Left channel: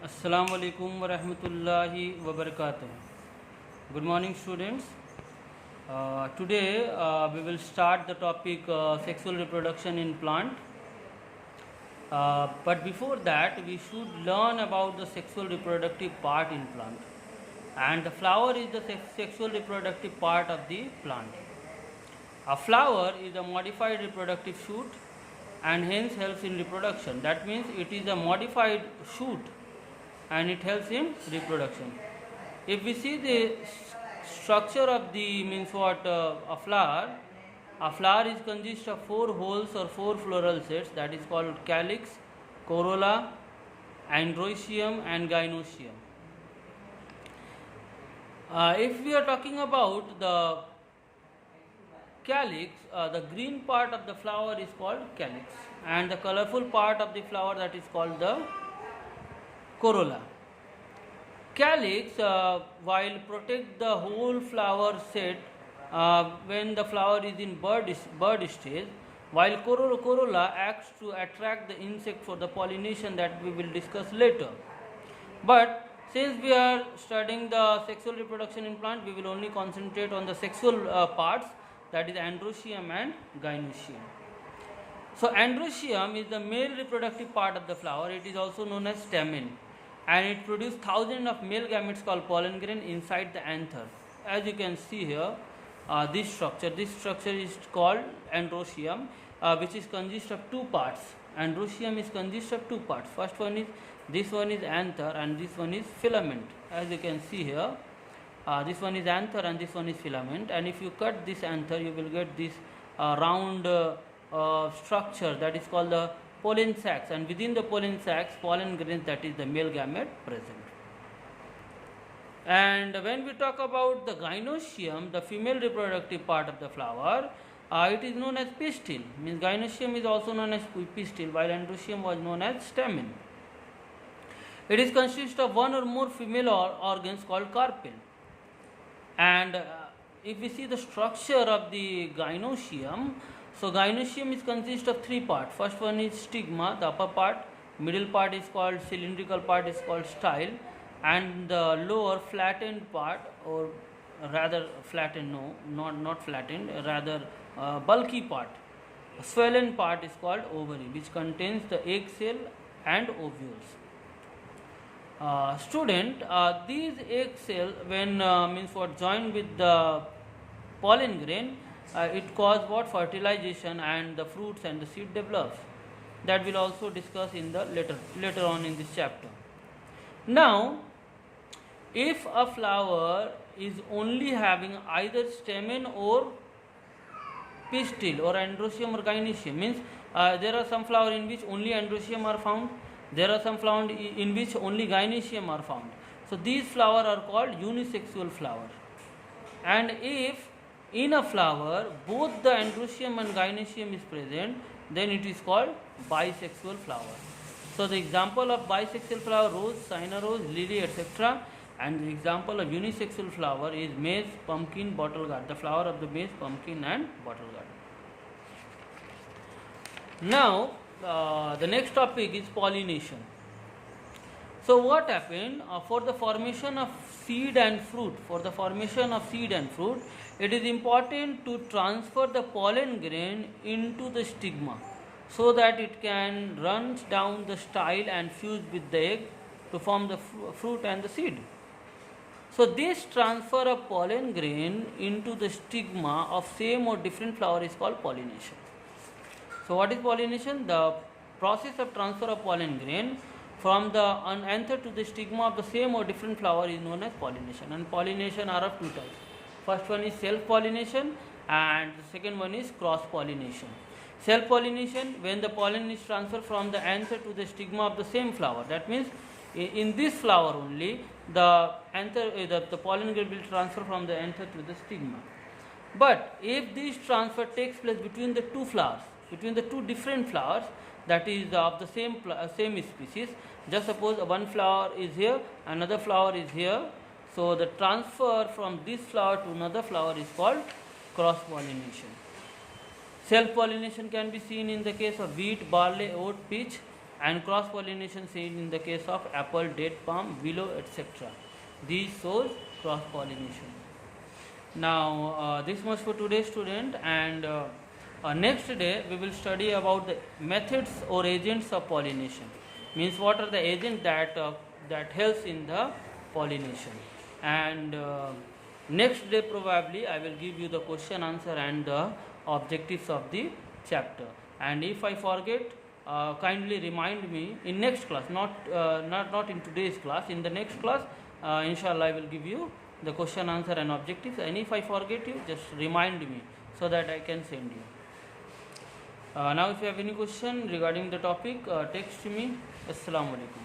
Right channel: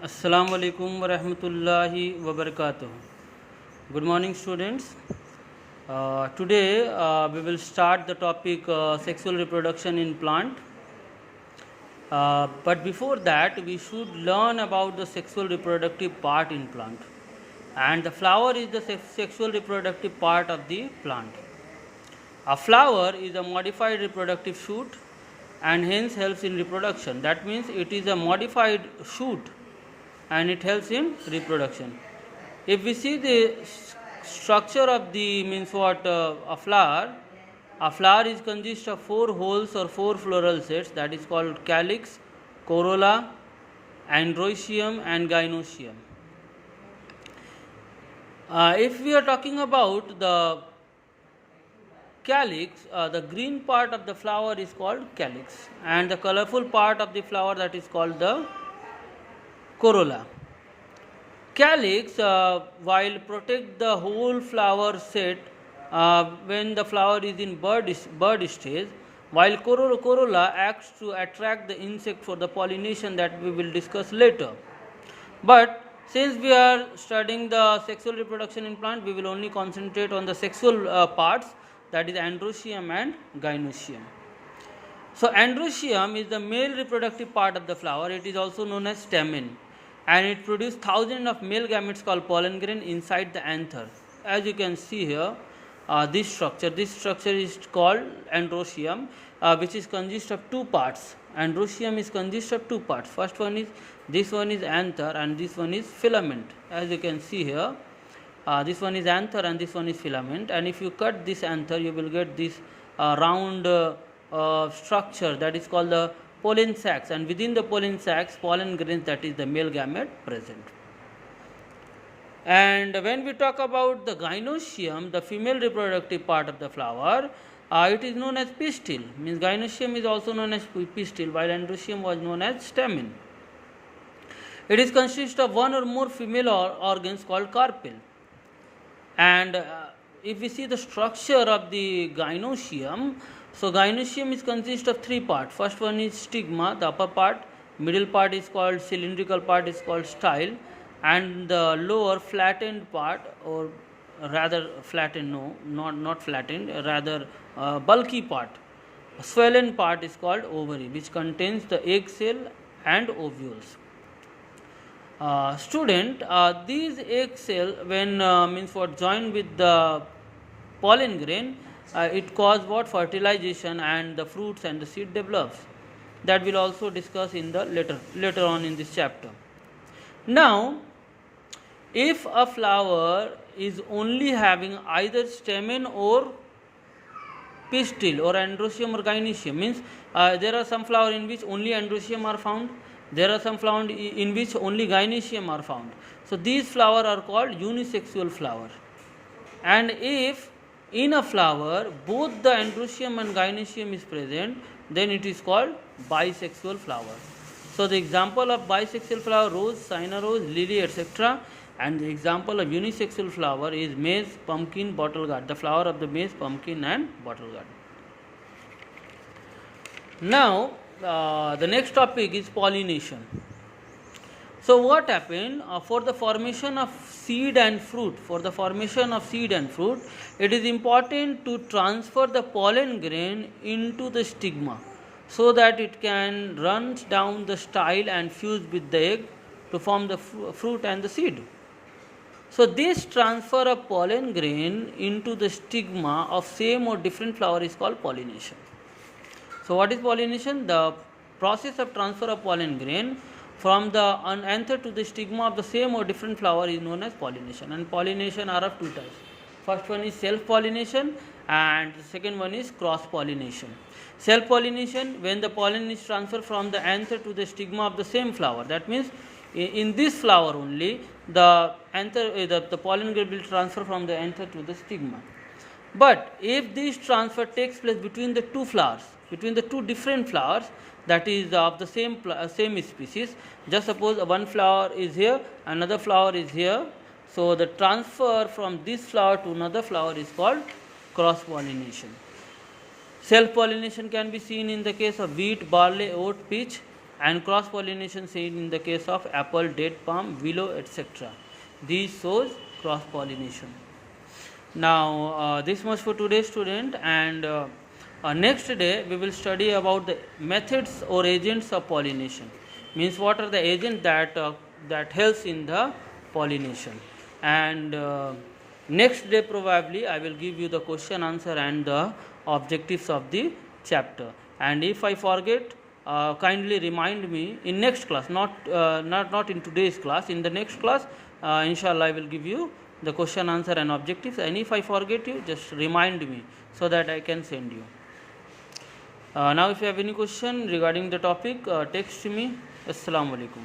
Assalamu alaikum wa rahmatullahi wa barakatuh. Good morning, students. Today we will start the topic sexual reproduction in plant. But before that, we should learn about the sexual reproductive part in plant. And the flower is the sexual reproductive part of the plant. A flower is a modified reproductive shoot and hence helps in reproduction. That means it is a modified shoot and it helps in reproduction. If we see the structure of the a flower is consist of 4 holes or 4 floral sets, that is called calyx, corolla, androsium and gynosium. If we are talking about the calyx, the green part of the flower is called calyx and the colorful part of the flower, that is called the corolla. Calyx, while protect the whole flower set when the flower is in bud stage, while corolla acts to attract the insect for the pollination, that we will discuss later. But since we are studying the sexual reproduction in plant, we will only concentrate on the sexual parts, that is androsium and gynosium. So androsium is the male reproductive part of the flower. It is also known as stamen, and it produces thousands of male gametes called pollen grain inside the anther. As you can see here, this structure is called androsium, which is consist of 2 parts. Androsium is consist of 2 parts. First one is this one is anther and this one is filament. As you can see here, this one is anther and this one is filament, and if you cut this anther, you will get this round structure, that is called the pollen sacs, and within the pollen sacs, pollen grains, that is the male gamete present. And when we talk about the gynosium, the female reproductive part of the flower, it is known as pistil. Means gynosium is also known as pistil, while androsium was known as stamen. It is consist of 1 or more female organs called carpel. And if we see the structure of the gynosium, so gynosium is consist of 3 parts. First one is stigma, the upper part, middle part is called cylindrical part is called style, and the lower flattened part, or rather flattened, no, not flattened, rather bulky part, swollen part is called ovary, which contains the egg cell and ovules. These egg cell when joined with the pollen grain, it cause what fertilization, and the fruits and the seed develops. That will also discuss in the later on in this chapter. Now, if a flower is only having either stamen or pistil or androsium or gynosium, means there are some flowers in which only androsium are found. There are some flowers in which only gynosium are found. So these flowers are called unisexual flower. And if in a flower both the androsium and gynosium is present, then it is called bisexual flower. So the example of bisexual flower, rose, cyna rose, lily, etc. And the example of unisexual flower is maize, pumpkin, bottle gourd. The flower of the maize, pumpkin and bottle gourd. Now, the next topic is pollination. So what happened for the formation of seed and fruit? It is important to transfer the pollen grain into the stigma so that it can run down the style and fuse with the egg to form the fruit and the seed. So this transfer of pollen grain into the stigma of same or different flower is called pollination. So what is pollination? The process of transfer of pollen grain from the anther to the stigma of the same or different flower is known as pollination. And pollination are of 2 types. First one is self-pollination and the second one is cross-pollination. Self-pollination, when the pollen is transferred from the anther to the stigma of the same flower. That means in this flower only the pollen grain will transfer from the anther to the stigma. But if this transfer takes place between the 2 flowers, between the 2 different flowers, that is of the same species, just suppose one flower is here, another flower is here, so the transfer from this flower to another flower is called cross pollination. Self pollination can be seen in the case of wheat, barley, oat, peach, and cross pollination seen in the case of apple, date palm, willow, etc. These shows cross pollination. Now this much for today, student, and next day we will study about the methods or agents of pollination. Means what are the agents that helps in the pollination. And next day probably I will give you the question answer and the objectives of the chapter. And if I forget, kindly remind me in next class, not in today's class. In the next class, inshallah, I will give you the question answer and objectives. And if I forget you, just remind me so that I can send you. Now, if you have any question regarding the topic, text me. Assalamu alaikum.